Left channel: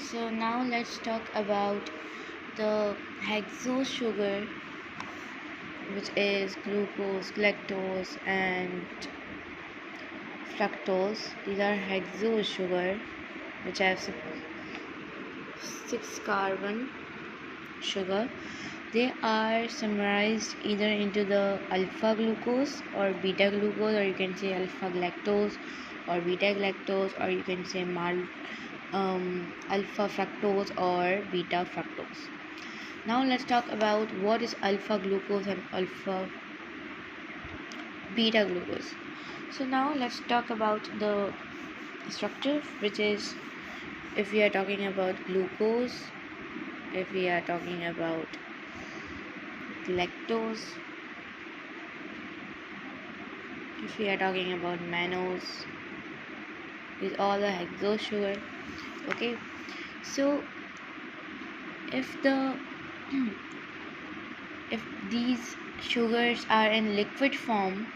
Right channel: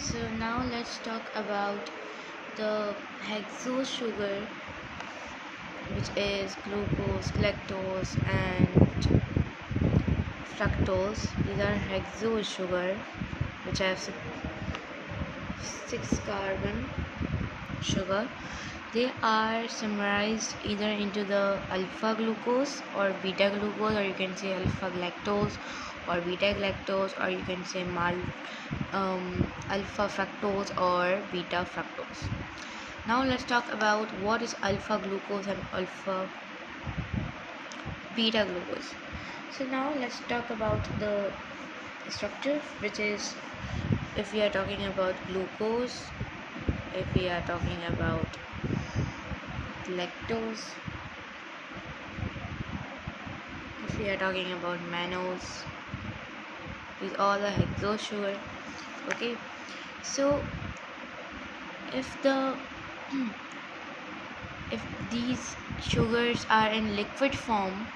so now let's talk about the hexose sugar, which is glucose, galactose, and fructose. These are hexose sugar, which have six carbon sugar. They are summarized either into the alpha glucose or beta glucose, or you can say alpha galactose or beta galactose, or you can say alpha fructose or beta fructose. Now let's talk about what is alpha glucose and alpha beta glucose. So now let's talk about the structure, which is, if we are talking about glucose, if we are talking about lactose, if we are talking about mannose, these all the hexose sugar. Okay, so if the if these sugars are in liquid form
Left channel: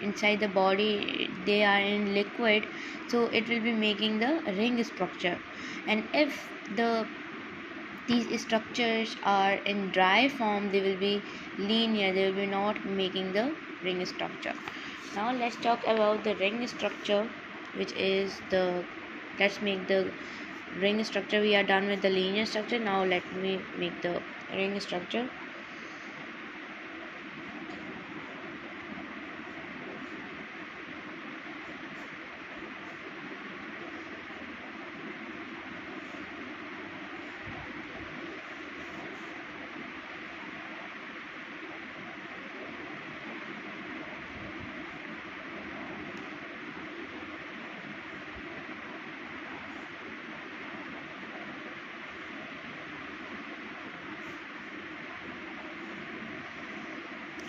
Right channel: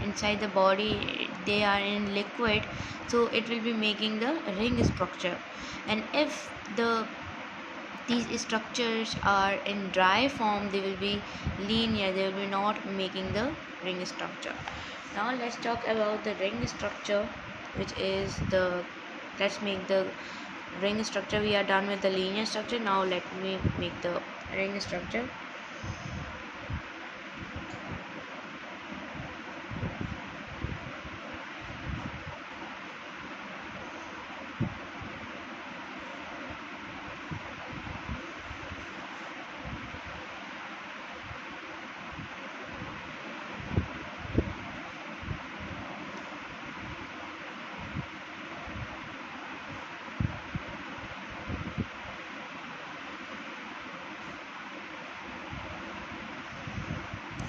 inside the body, they are in liquid, so it will be making the ring structure. And if these structures are in dry form, they will be linear, they will be not making the ring structure. Now let's talk about the ring structure, which is let's make the ring structure. We are done with the linear structure. Now let me make the ring structure.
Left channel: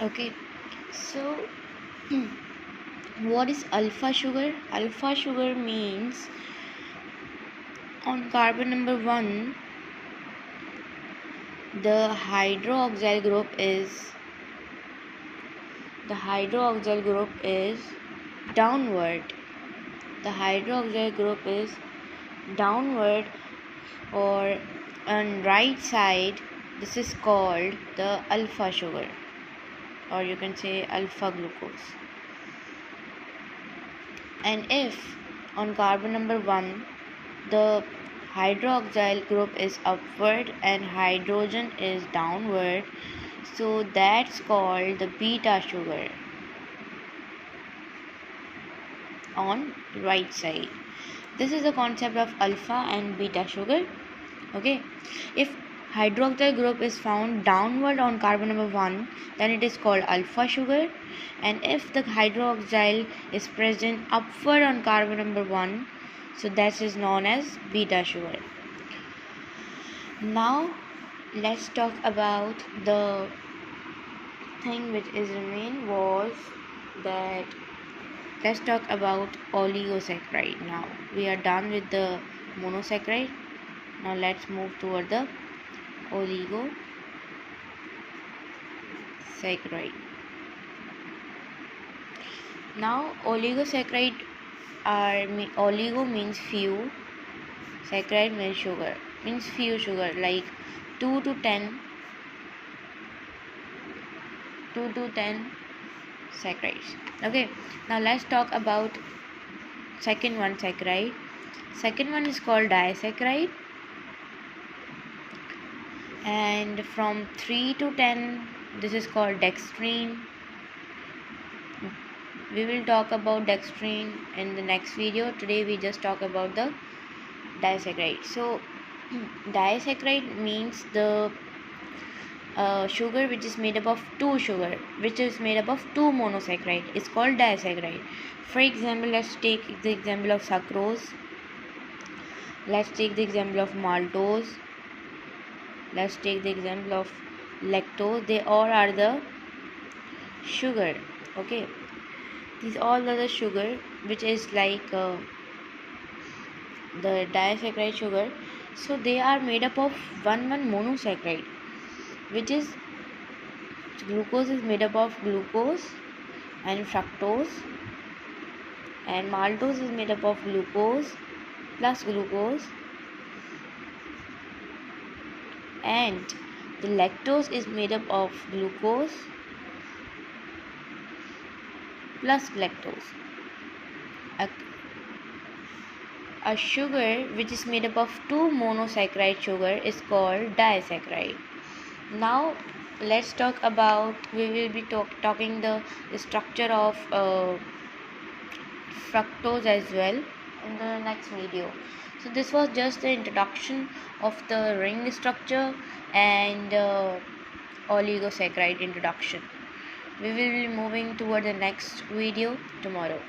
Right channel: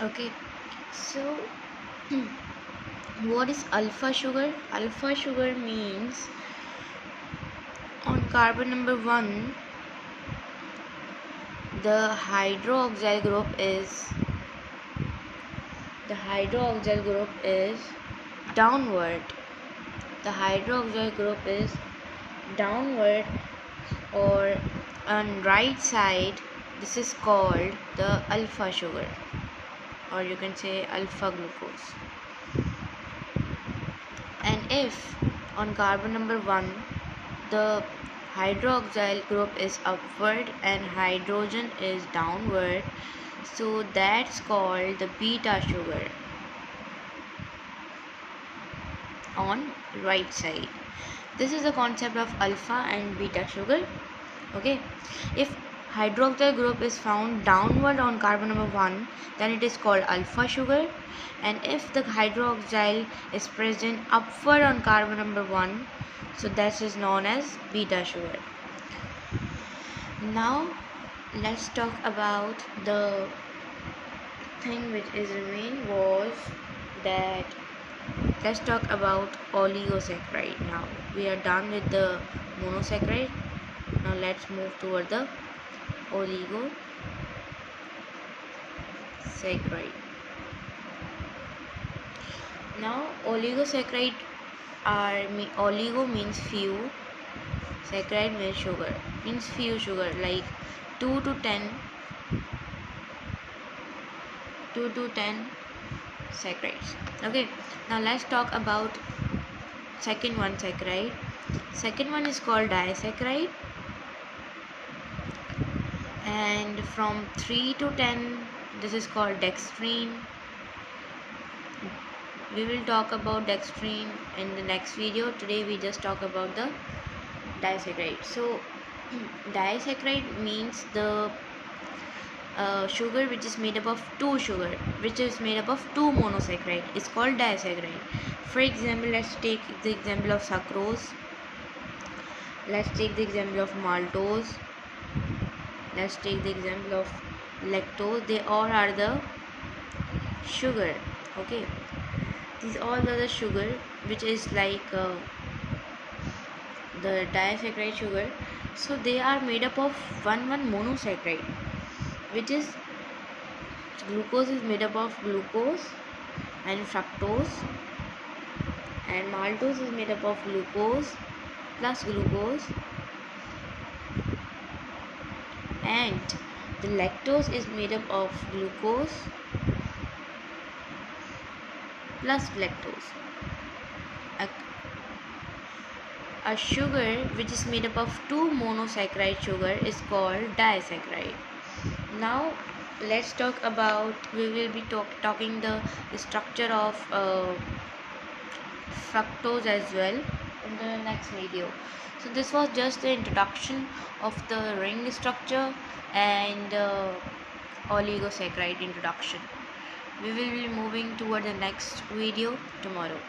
Okay, so what is alpha sugar? Alpha sugar means on carbon number 1, the hydroxyl group is downward. The hydroxyl group is downward, or on right side. This is called the alpha sugar, or you can say alpha glucose. And if on carbon number 1 the hydroxyl group is upward and hydrogen is downward, so that's called the beta sugar on right side. This is the concept of alpha and beta sugar. Okay, if hydroxyl group is found downward on carbon number 1, then it is called alpha sugar. And if the hydroxyl is present upward on carbon number 1, so that is known as beta sugar. Now let's talk about the thing which is remain was that let's talk about oligosaccharide. Now we are done with the monosaccharide. Now let's move toward the oligosaccharide. Now oligosaccharide oligo means few, saccharide means sugar, means few sugar, like 2 to 10 saccharides. Okay, now let's talk about second one, saccharide. Second one is called disaccharide, and from 3 to 10 this is called dextrine. We will talk about dextrine in the next video. Today we just talk about the disaccharide. So disaccharide means the sugar which is made up of two monosaccharide is called disaccharide. For example, let's take the example of sucrose, let's take the example of maltose, let's take the example of lactose. They all are the sugar. Okay, these all are the sugar which is like the disaccharide sugar. So they are made up of one monosaccharide, which is glucose is made up of glucose and fructose, and maltose is made up of glucose plus glucose, and the lactose is made up of glucose plus lactose. A, a sugar which is made up of two monosaccharide sugar is called disaccharide. Now let's talk about, we will be talking the structure of fructose as well in the next video. So this was just the introduction of the ring structure and oligosaccharide introduction. We will be moving toward the next video tomorrow.